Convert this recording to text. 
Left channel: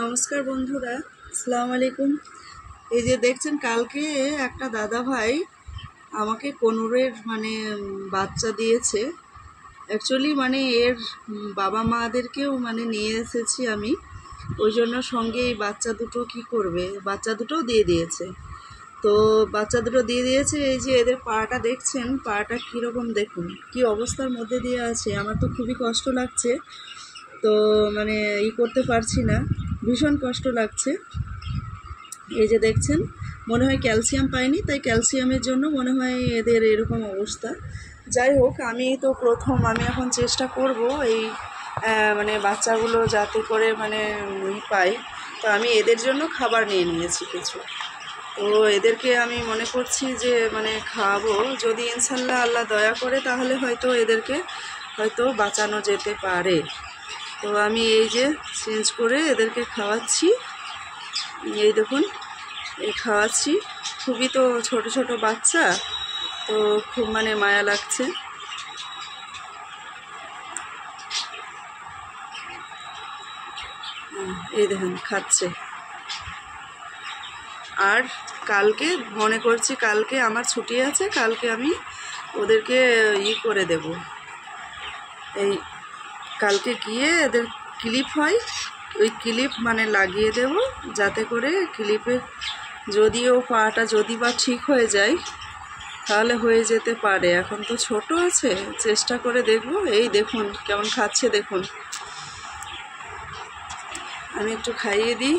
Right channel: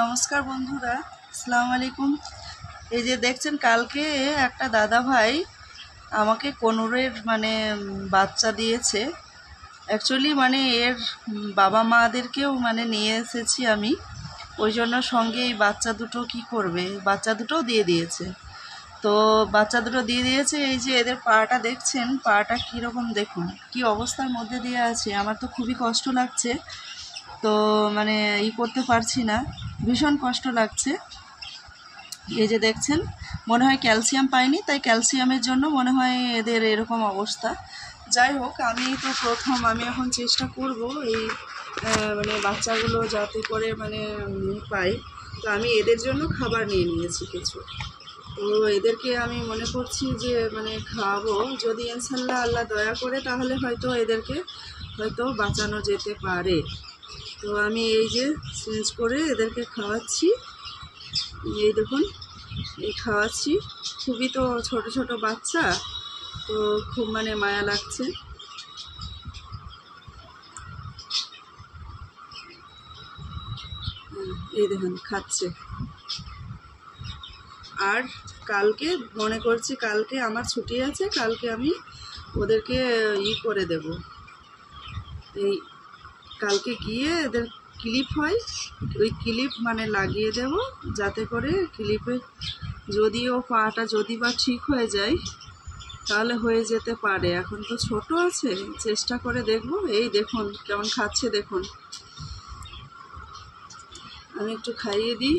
নমস্কার বন্ধুরা, আসসালামু আলাইকুম। এই যে দেখছেন, কালকে একটা দাদা ভাই আমাকে কোনুরের বাচ্চা দিয়েছে। অ্যাকচুয়ালি এর বাবা মাদেরকেও নিয়ে এসেছি আমি, ওই জন্য সঙ্গে এই বাচ্চা দুটো কি করবে, বাচ্চা দুটো দিয়ে দিয়েছে। তো বাচ্চা দুটো দিয়ে দিয়েছে। এই যে এদের পাটা দেখছেন, পাটা কীরকম দেখুন, কি অবস্থার মধ্যে দিয়ে আছে। আমার তো খুবই কষ্ট লাগছে, তো করতে পারছি না, ভীষণ কষ্ট লাগছে। এই যে দেখছেন, মনে হয় ক্যালসিয়াম পায়নি, তাই ক্যালসিয়ামের জন্য মনে হয় এদের এরকম অবস্থা। যাই হোক, আমি এখন চেষ্টা করব এই বাচ্চাগুলো যাতে করে পাই। তো আমি এদের জন্য খাবার নিয়ে নিয়েছি কিছু। তো এদেরকে আমি মনে করছি যে খাওয়াবো, যদি ইনশাল্লাহ আল্লাহ দয়া করে, তাহলে হয়তো এদেরকে বাঁচানো যেতে পারে। তো আমি এই যে চেঞ্জ করে এদেরকে খাওয়াচ্ছি। এই দেখুন, খাওয়াচ্ছি। খুবই তো ছোট ছোট বাচ্চা, তো খুব মায়া লাগছে। এই দেখুন খাচ্ছে। আর কালকে মনে করছি, কালকে আমার ছুটি আছে, কালকে আমি ওদেরকে করে দেব। এই কালকে গিয়ে এদের ক্লিপ হয়, ওই ক্লিপ লাগিয়ে দেব, যাতে করে ক্লিপে যদিও পাটা যদি বা ঠিক হয়ে যায়, তাহলে হয়ে যেতে পারে। এখন তো ছোট আছে, চেষ্টা করে দেখব। এই দেখুন কেমন খাচ্ছে, দেখুন। আমি একটু খাইয়ে দিই।